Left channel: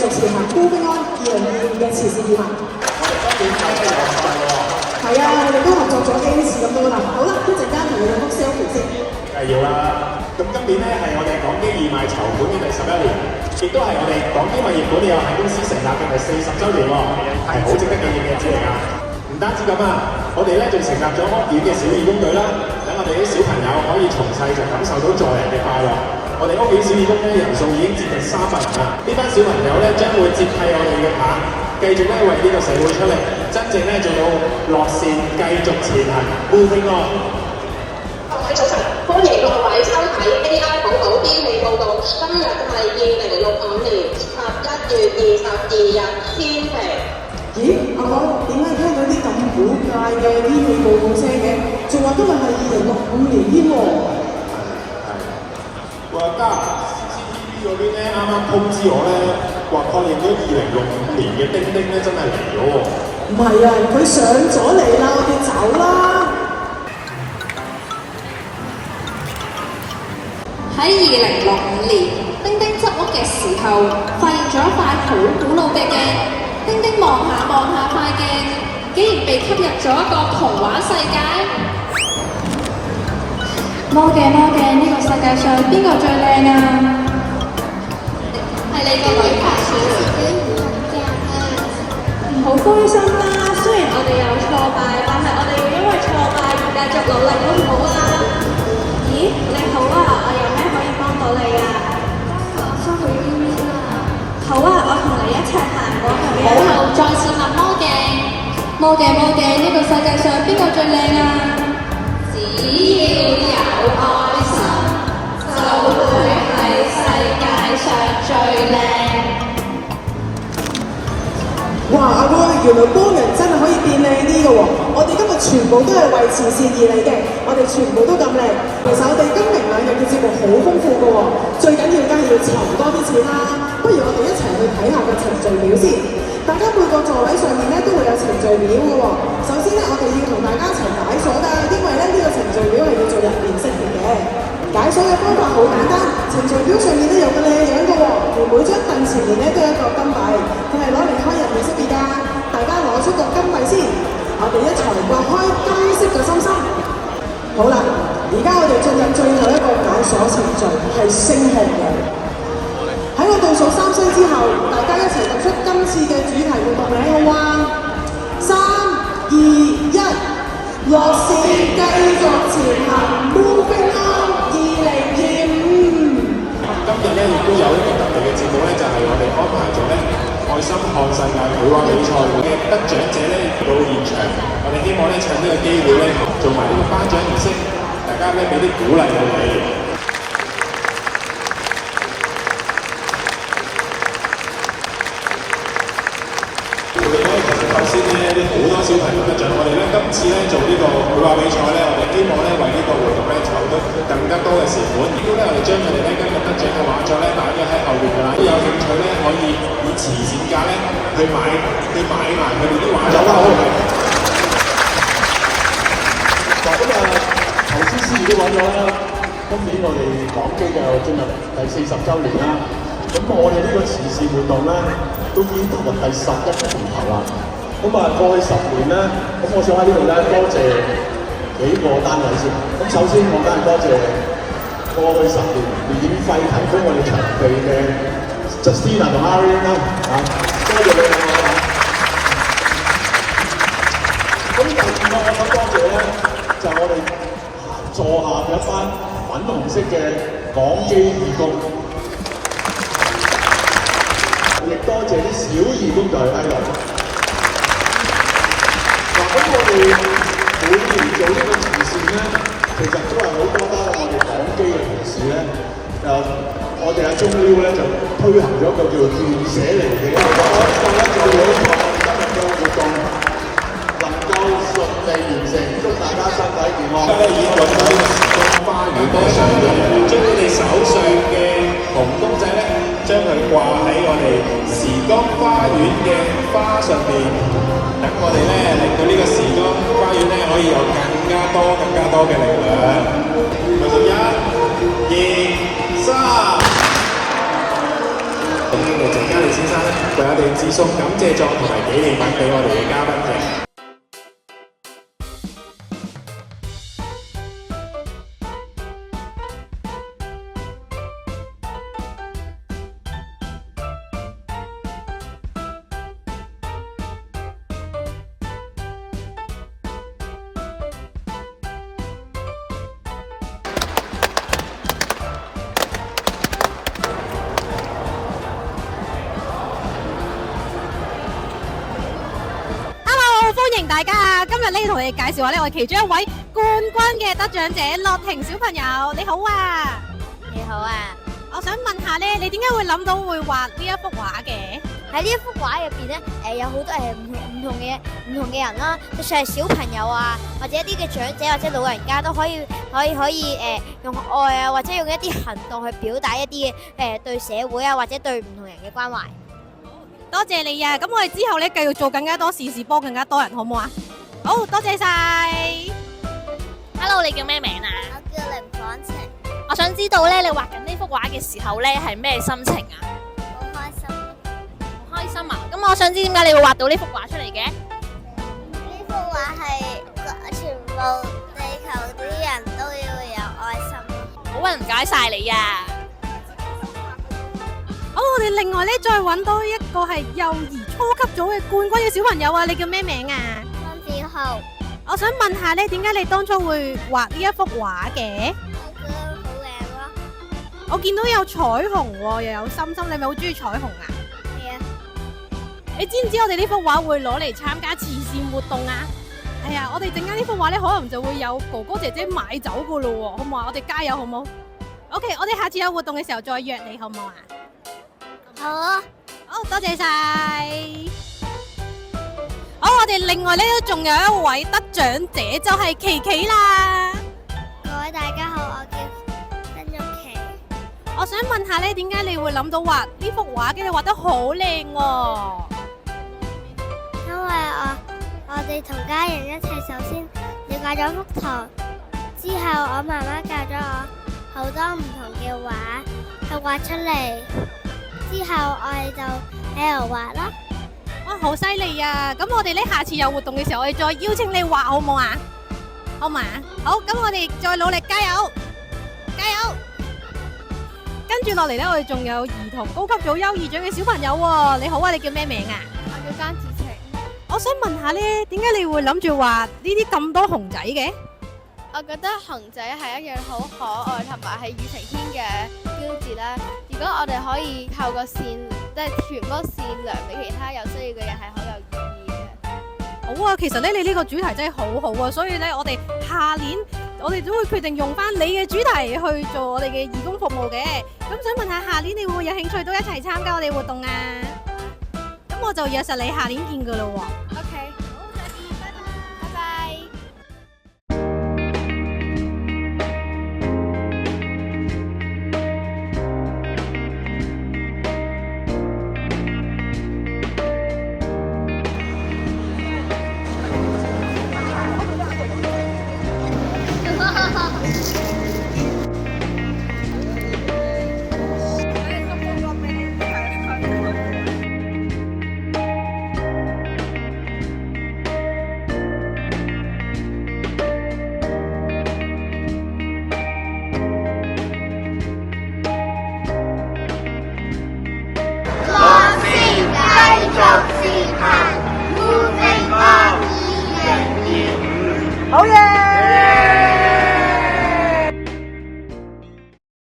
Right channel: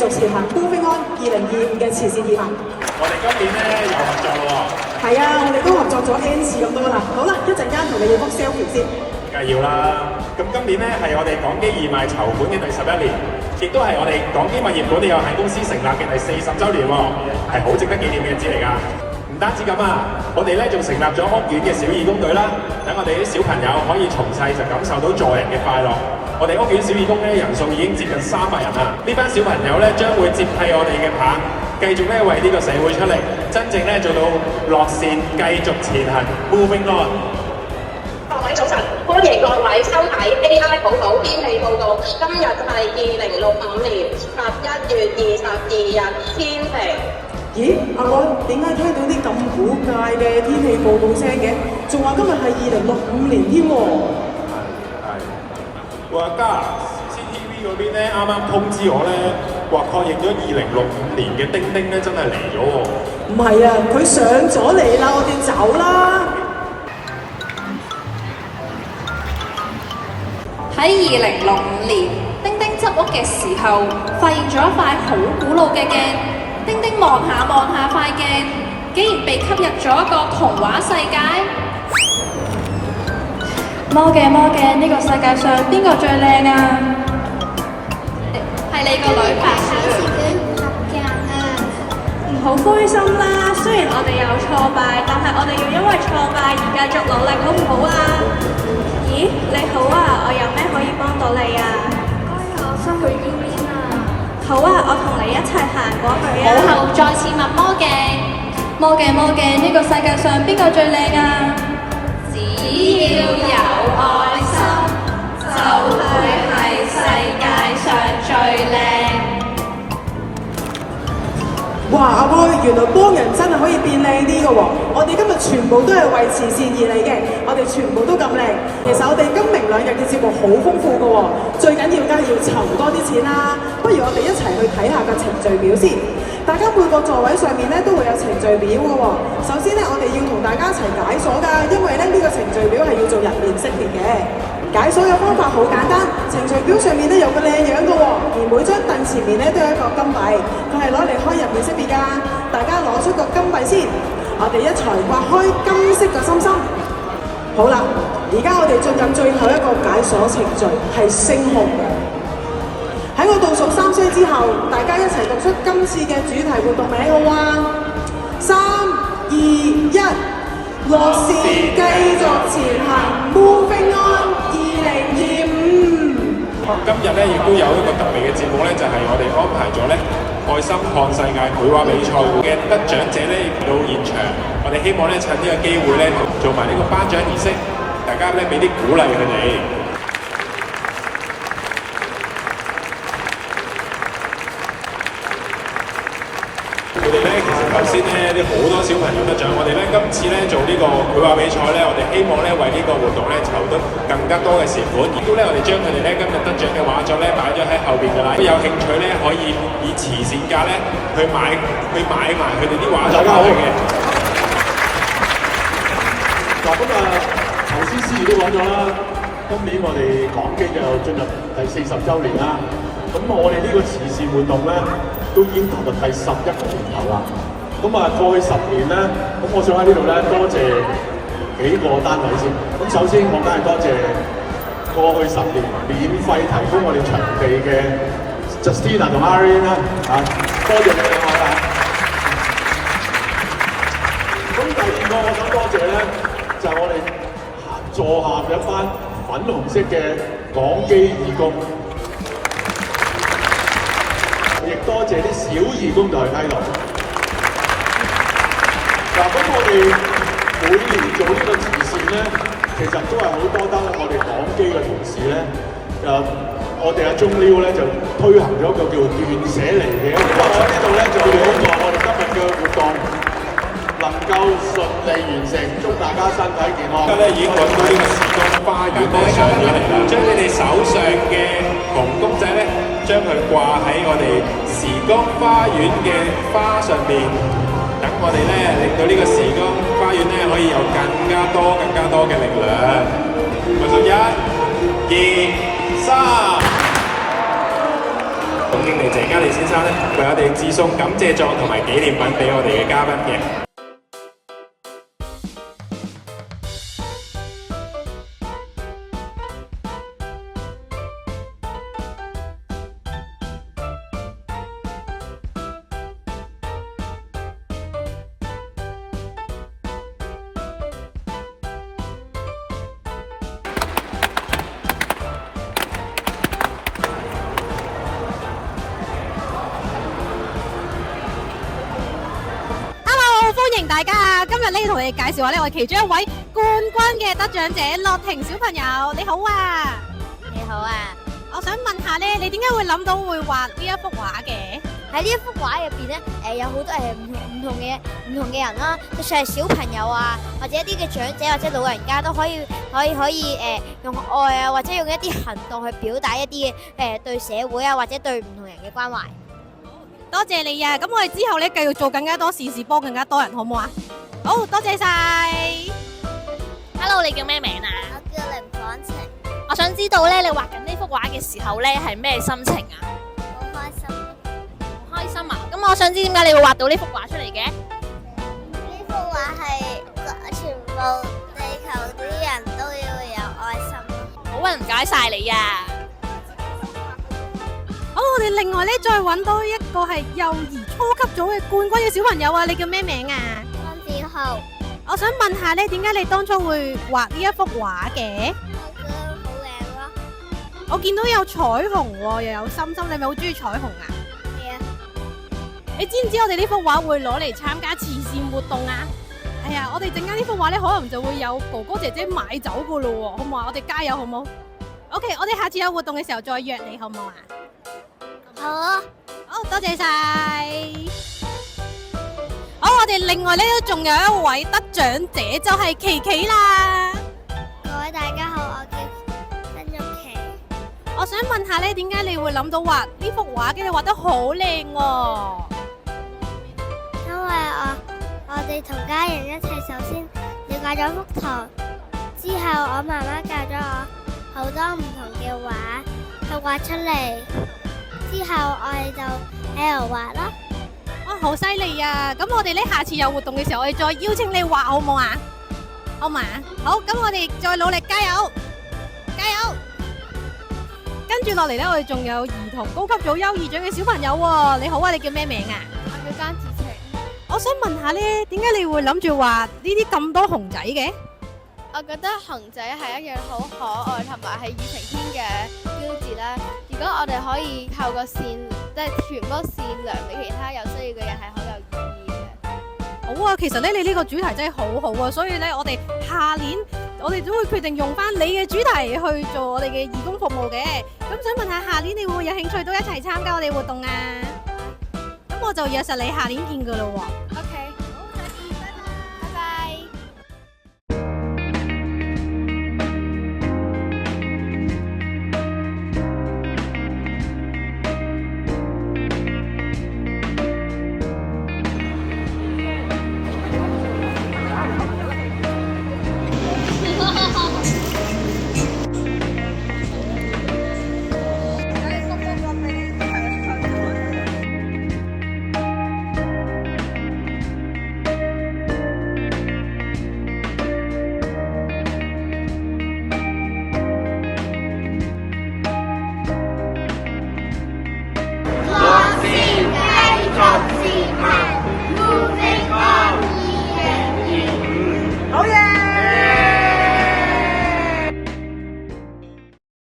續前行 Moving On 2025嘅慈善節目。我哋今年咧有合作喎。係啊，我哋都合作咗 N 次咁多啦。好啦，一陣間同你哋 book selfie 先。梗係要啦。咁今年咧係我哋港基義賣籌款嘅第11年，亦都係我哋港基物業管理有限公司成立嘅第40週年喎，係好值得紀念嘅日子嚟㗎。唔單止咁啊，我哋咧仲成立咗屋苑嘅小義工隊啦，等我哋啲小朋友可以從細就感受到助人嘅快樂。我哋屋苑小義工咧人數已經接近300人啦，呢班小朋友咧將會接替我哋嘅棒，繼續咧為呢個社會出力，真正咧做到樂善，繼續前行 Moving On。各位早晨，歡迎各位收睇 AI 寶島天氣報告。今日係2065年11月22日，天氣。咦，阿哥，點解聽到啲咁古怪嘅天氣報告聲嘅？仲話今日係2065年添喎。話加 CCTV 嗰邊咧，啱啱通知我咧，話確認咗2065年嘅丁丁咧真係嚟咗喎。唔係啊，佢上咗嚟啦，我哋走啦。喺2065年，丁丁執屋嘅時候，發現咗一塊好古老嘅鏡。丁丁望下塊鏡，竟然被吸入咗一個童話世界。魔鏡，呢個世界上邊個最靚啊？係你個女朋友。唔好灰心啦，雖然我哋有挫敗，但係我哋要因為挫敗而繼續努力，好唔好啊？咦，你好啊，我有咩可以幫到你啊？想去邊啊？好啊，我同你一齊行過去啊！好，再次問魔鏡，呢個世界上邊個最靚啊？只要有愛心，就會係世界上最靚。哇！阿哥，原來幫人真係可以變靚啲嘅喎！我哋今日全部都係為慈善而嚟嘅，我哋全部都咁靚。其實我哋今明兩日嘅節目好豐富嘅喎，最緊要梗係要籌多啲錢啦。不如我哋一齊去睇下個程序表先。大家每個座位上面咧都會有程序表嘅喎。首先咧，我哋要同大家一齊解鎖㗎，因為咧呢個程序表係要做人面識別嘅。解鎖嘅方法好簡單，程序表上面咧有個靚樣嘅喎，而每張凳前面咧都有一個金幣，佢係攞嚟開人面識別㗎。大家攞出個金幣先，我哋一齊劃開金色嘅心心。好啦，而家我哋進入最後一個解鎖程序，係星號名。喺我倒數3聲之後，大家一齊讀出今次嘅主題活動名啦！3、2、1，樂善繼續前行 ，Moving On 2025。今日咧亦都有一個特別嘅節目咧，就係我哋安排咗咧愛心創世界繪畫比賽嘅得獎者咧到現場，我哋希望咧趁呢個機會咧做埋呢個頒獎儀式，大家咧俾啲鼓勵佢哋。頭先咧啲好多小朋友得獎，我哋咧今次咧做呢個繪畫比賽咧，我哋希望咧為呢個活動咧籌到更加多嘅善款。亦都咧我哋將佢哋咧今日得獎嘅畫作咧擺咗喺後邊㗎啦。有興趣咧可以以慈善價咧去買埋佢哋啲畫作啦。嗱咁啊，頭先司儀都講咗啦，今年我哋港基就進入第40週年啦。咁我哋呢個慈善活動咧，都已經踏入第11個年頭啦。咁啊，過去10年咧，咁我想喺呢度咧多謝幾個單位先。咁首先亦都係多謝過去10年免費提供我哋場地嘅 Justina 同 Arian 啦，多謝你哋啊！咁第二個我想多謝咧，就係我哋座下嘅一班粉紅色嘅港基義工。亦多謝啲小義工隊喺度。嗱，咁我哋每年做呢個慈善咧，其實都係好多單我哋港基嘅同事咧，我哋阿鐘撩咧就推行咗一個叫斷捨離嘅，咁我喺呢度咧就要希望我哋今日嘅活動能夠順利完成，祝大家身體健康。佢咧已經講到呢個時光花園咧上面，將你哋手上嘅紅公仔咧，將佢掛喺我哋時光花園嘅花上邊，等我哋咧令到呢個時光花園咧可以有更加多嘅力量。1、2、3，總經理謝嘉利先生，為我哋致送感謝狀同埋紀念品俾我哋嘅嘉賓嘅。歡迎大家，今日呢同你哋介紹下呢，我哋其中一位冠軍嘅得獎者樂婷小朋友，你好啊！你好啊！我想問下呢，你點解會諗到會畫呢一幅畫嘅？喺呢一幅畫入邊咧，有好多唔同嘅人啦，就算係小朋友啊，或者一啲嘅長者或者老人家都可以用愛啊，或者用一啲行動去表達一啲對社會啊或者對唔同人嘅關懷。多謝你啊！咁我哋之後咧繼續做更加多善事，幫更加多人，好唔好啊？好多謝晒。Hello， 你叫咩名啊？我叫林晃晴。我想知道咧，你畫緊呢幅畫嘅時候咧係咩心情啊？好開心。好開心啊！咁我想知點解你會畫到呢幅畫出嚟嘅？呢幅畫係全部地球啲人都要有愛心咯。好啊，唔該晒你啊！好，我哋另外咧再揾多一個係幼兒初級組嘅冠軍嘅小朋友啊！你叫咩名啊？方子浩。我想問下咧，點解你當初會畫呢一幅畫嘅？我覺得好靚咯。我見到有彩虹喎，又有心心，你咪好中意彩虹啊？係啊。你知唔知我哋呢幅畫會攞嚟參加慈善活動啊？係啊，我哋陣間呢幅畫咧可能就會有哥哥姐姐買走噶咯喎，好唔好啊？我哋加油好唔好 ？OK， 我哋下次有活動嘅時候再約你好唔好啊？好啊！好多謝晒。好，我哋另外咧都仲有一位得獎者，就係琪琪啦。各位大家好，我叫曾玉琪。我想問下咧，點解你會諗到畫呢幅畫嘅？你畫得好靚喎。因為我哋同家人一齊首先了解咗幅圖，之後我媽媽教咗我好多唔同嘅畫去畫出嚟。之後我哋就喺度畫啦。哇，好犀利啊！咁我哋咧下次有活動嘅時候，我哋再邀請你畫好唔好啊？好嘛？好，咁我哋再努力加油，加油！跟住落嚟咧，我哋仲有兒童高級組優異獎嘅小朋友喎。你好啊，你叫咩名啊？我叫張子晴。我想問下咧，點解你會諗住畫呢啲咁多熊仔嘅？我覺得熊仔係一樣好可愛同埋係庾澄慶嘅標誌啦。如果我哋可以透過即係傳播善良俾其他有需要嘅人，係好有意義嘅。好啊，其實咧你呢個主題真係好好啊，所以咧我哋下年我哋都會決定用翻你嘅主題去做我哋嘅義工服務嘅。咁想問下下年你會唔會有興趣都一齊參加我哋活動啊？咁我就約實你下年見噶啦喎。